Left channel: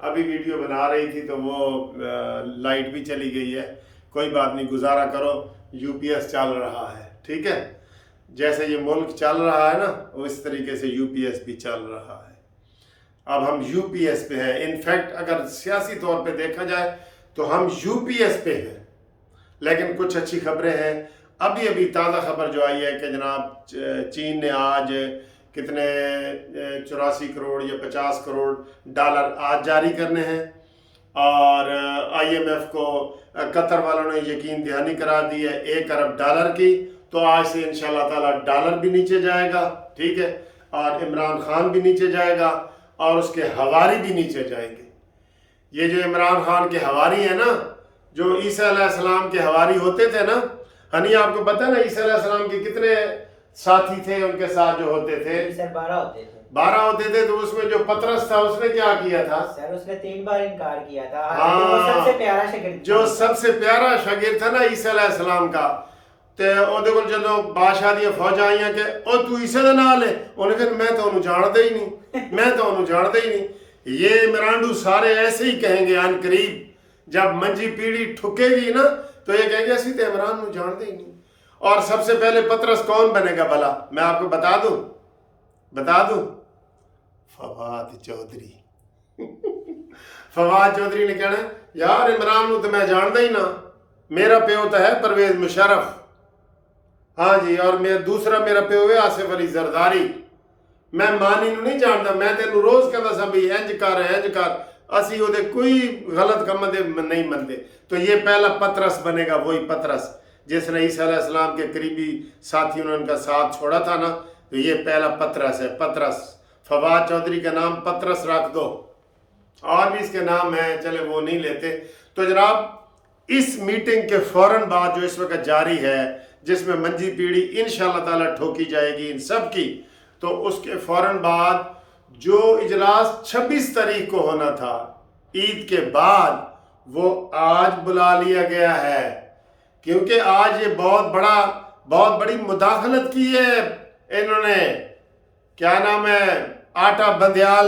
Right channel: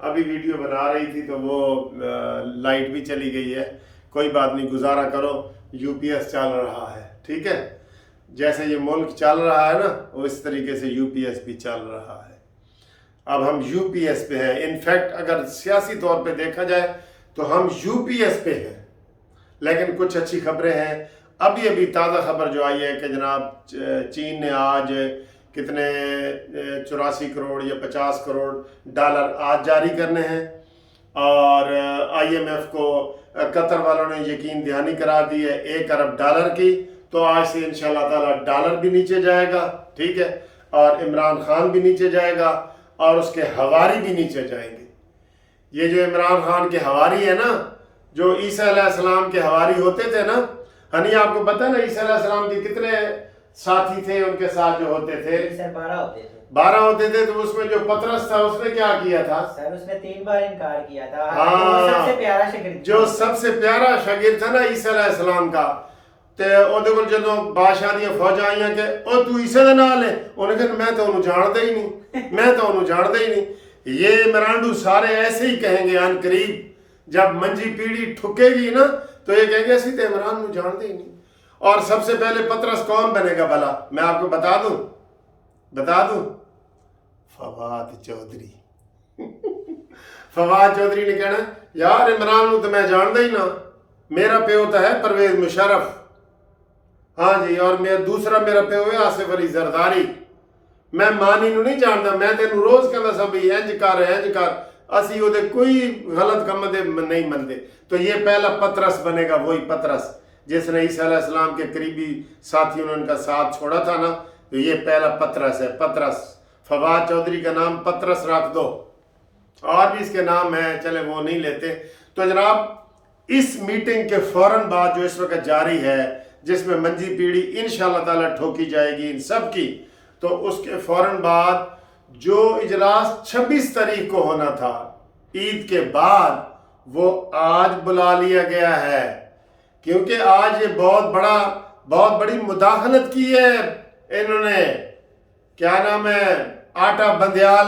ابھی ویڈیو بنا رہی تھی تو وہ لائٹ بھی چلی گئی ہے. کوئی بات نہیں، گزارا کرو، یو پی ایس چل رہا ہے. ٹھیک ہے، جیسے یہ ملک چل رہا ہے نا اس طریقے سے یو پی ایس بھی چل رہا ہے. اب ہم یو پی ایس پہ ہیں. انفیکٹ اگر سیاسی طور پہ دیکھا جائے تو ہم یو پی ایس پہ ہیں. لیکن کچھ اچھی خبریں ہیں. ابھی تازہ خبر جو آئی ہے کہ جناب چین نے آج کتنے 84 کروڑ یا 50 کروڑ ڈالر آج جاری کرنے ہیں، اور آئی ایم ایف کو قطر والوں نے یقین دہانی کرا دی ہے 1 ارب ڈالر کی. تو آج سے انشاءاللہ تعالی ڈالر بھی نیچے جائے گا. ٹھیک ہے، اور عمران خان بھی نیچے جائے گا اور اس کے ہواری بھی نیچے جائیں گے. یہ جو عمران خان کے ہواری ہیں نا، جو عیسیٰ علیہ السلام کے ہواری ہوتے تھے نا، ہنی آپ کو پتہ نا عیسیٰ علیہ السلام کے کتنے ساتھی تھے ان کے ساتھ جو ہوتے تھے؟ 12 ہوتے تھے. تو اس میں جو پطرس تھا اس نے کیا کیا تھا؟ سر اس نے 3 بار انکار کیا تھا. ہاں، جو سب سے پیارا شاگرد تھا نا عیسیٰ علیہ السلام کا، تے اودے کول جدوں بادشاہ دیاں فوجاں آئیاں کہ او تو عیسیٰ دے نال ہے، انہیں کہا میں تو انہوں جانتا ہی نہیں، میں تو انہوں جانتا ہی نہیں. یہ مرانڈو سارے ایسے ہی کہیں گے ان قریب جب منجی پیڑھی ٹھکے گی نا تو یہ کہیں گے اسی تے عمران نو جانتے ہی نہیں. اور سب سے پہلے پطرس کون بنے گا بھلا؟ میں آپ کو بتا دوں فواد چودھری. فواد چودھری نے کہنا یار عمران نو تو میں جانتا ہی نا، میرا پیو تو ہے پرویز مشرف، ہاں جی، اور دوسرا میرا پیو ہے آصف علی زرداری. میں مانی نو نہیں جانتا، میں تینوں روز کہندا سا بھی انج کر اسی وہ کوئی غلط کم دے نہیں منتے. تو یہ پہلا پطرس بنے گا، وہی پطرس جس نے عیسیٰ علیہ السلام کے قریبی ساتھیوں نے ان کا ساتھ چھوڑا تھا نا. تو یہ پہلا پطرس ہے. پطرس، فواد چودھری کا نام پطرس رکھ دو، اور بھی اس کے نام ہیں، چلے وہ نہیں لیتے. تو جناب اس میٹنگ کے فوراً بعد جو اس وقت جاری ہے، جس میں منجی پیڑھی انشاءاللہ تعالی ٹھوکی جائے گی ان سب کی، تو اس کے فوراً بعد جو اجلاس 26 تاریخ کو ہونا تھا عید کے بعد، وہ آج بلا لیا گیا ہے. کیونکہ آج یہ بہت بڑی مداخلت کی ہے انہوں نے، کیا نام ہے، آٹا بندیال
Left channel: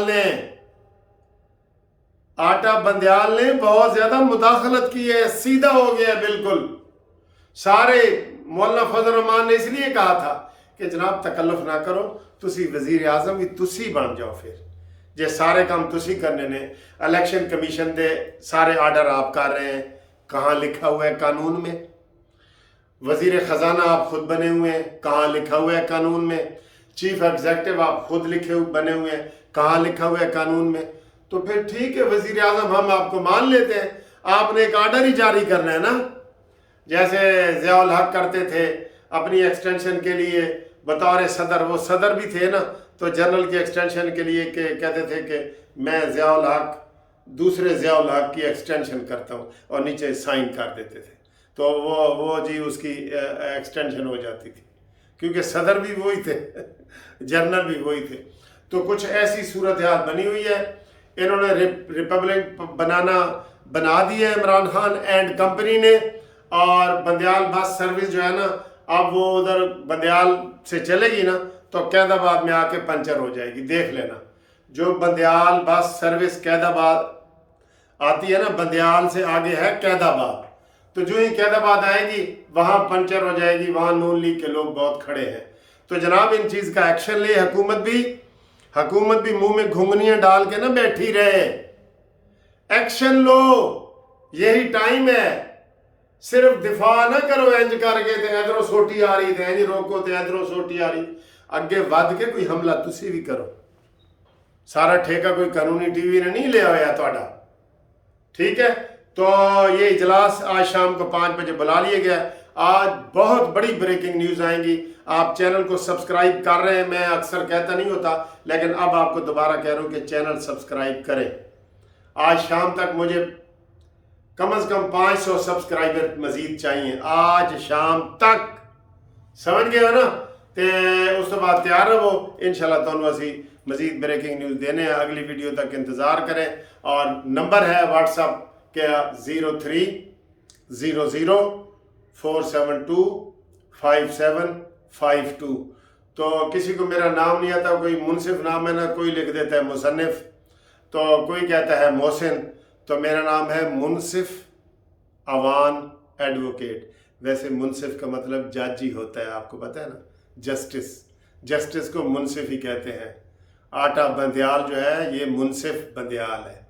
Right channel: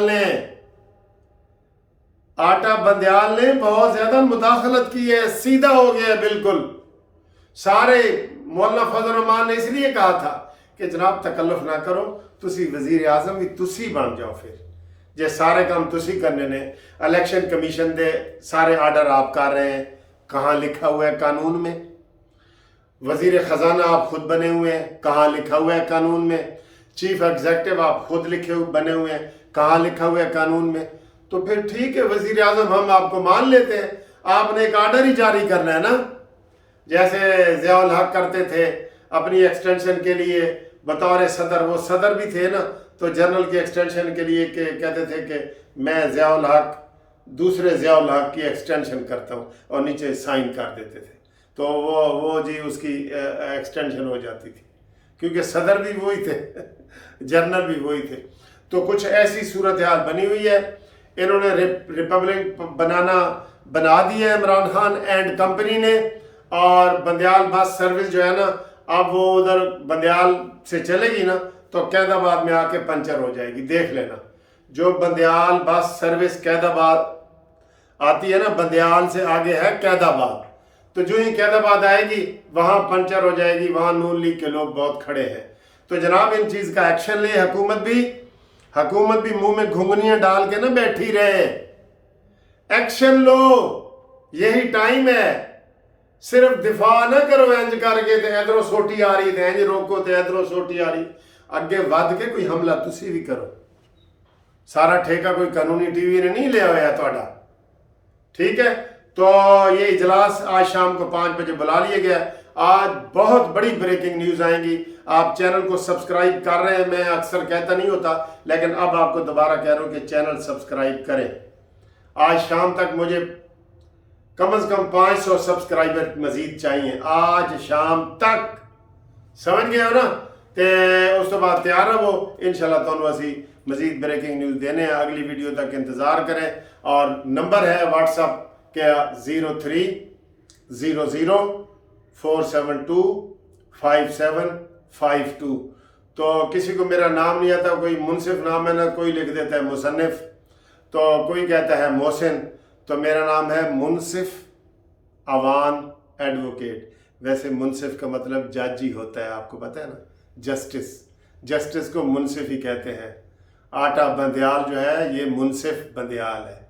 نے بہت زیادہ مداخلت کی ہے. سیدھا ہو گیا ہے بالکل. سارے مولانا فضل الرحمان نے اس لیے کہا تھا کہ جناب تکلف نہ کرو، تسی وزیر اعظم بھی تسی بن جاؤ، پھر جے سارے کام تسی کرنے نے. الیکشن کمیشن دے سارے آرڈر آپ کر رہے ہیں، کہاں لکھا ہوا ہے قانون میں؟ وزیر خزانہ آپ خود بنے ہوئے ہیں، کہاں لکھا ہوا ہے قانون میں؟ چیف ایگزیکٹو آپ خود بنے ہوئے ہیں، کہاں لکھا ہوا ہے قانون میں؟ تو پھر ٹھیک ہے وزیر اعظم، ہم آپ کو مان لیتے ہیں، آپ نے ایک آرڈر ہی جاری کرنا ہے نا. جیسے ضیاء الحق کرتے تھے اپنی ایکسٹینشن کے لیے بطور صدر، وہ صدر بھی تھے نا، تو جنرل کی ایکسٹینشن کے لیے کہتے تھے کہ میں ضیاء الحق دوسرے ضیاء الحق کی ایکسٹینشن کرتا ہوں، اور نیچے سائن کر دیتے تھے. تو وہ جی اس کی ایکسٹینشن ہو جاتی تھی، کیونکہ صدر بھی وہی تھے جنرل بھی وہی تھے. تو کچھ ایسی صورتحال بنی ہوئی ہے. انہوں نے ریپبلک بنا دی ہے عمران خان اینڈ کمپنی نے. اور بندیال بس سروس جو ہے نا، اب وہ ادھر بندیال سے چلے گی نا تو قید آباد میں آ کے پنچر ہو جائے گی. دیکھ لینا، جو بندیال بس سروس قید آباد آتی ہے نا، بندیال سے آگے ہے قید آباد، تو جو ہی قید آباد آئے گی وہاں پنچر ہو جائے گی. وہاں نون لیگ کے لوگ بہت کھڑے ہیں. تو جناب ان چیز کا ایکشن لے. حکومت بھی منہ میں گھنگنیاں ڈال کے نہ بیٹھی رہے، ایکشن لو، یہی ٹائم ہے. صرف دفاع نہ کرو انج کر کے تے ادھروں سوٹی آ رہی تے انج روکو تے ادھروں سوٹی آ رہی. اگے ود کے کوئی حملہ تسی بھی کرو. سارا ٹھیکہ کوئی قانونی ٹی وی نے نہیں لیا ہوا ہے تہاڈا. ٹھیک ہے، تو یہ اجلاس آج شام کو 5 بجے بلا لیا گیا. آج بہت بڑی بریکنگ نیوز آئیں گی. آپ چینل کو سبسکرائب کر رہے ہیں، میں اکثر کہتا نہیں ہوتا لیکن اب آپ کو دوبارہ کہہ رہا ہوں کہ چینل سبسکرائب کریں. آج شام تک مجھے کم از کم 500 سبسکرائبر مزید چاہیے آج شام تک. سمجھ گئے ہو نا؟ تے اس تو بعد تیار رہو، انشاءاللہ تانوں اسی مزید بریکنگ نیوز دینے ہیں. اگلی ویڈیو تک انتظار کریں. اور نمبر ہے واٹس اپ کے 0300472572. تو تو کسی کو میرا نام نہیں آتا، کوئی منصف نام ہے نا، کوئی لکھ دیتا ہے مصنف، تو کوئی کہتا ہے محسن، تو میرا نام ہے منصف اوان ایڈوکیٹ۔ ویسے منصف کا مطلب جج ہی ہوتا ہے، آپ کو پتہ ہے نا، جسٹس کو منصف ہی کہتے ہیں۔ آٹا بندیال جو ہے یہ منصف بندیال ہے۔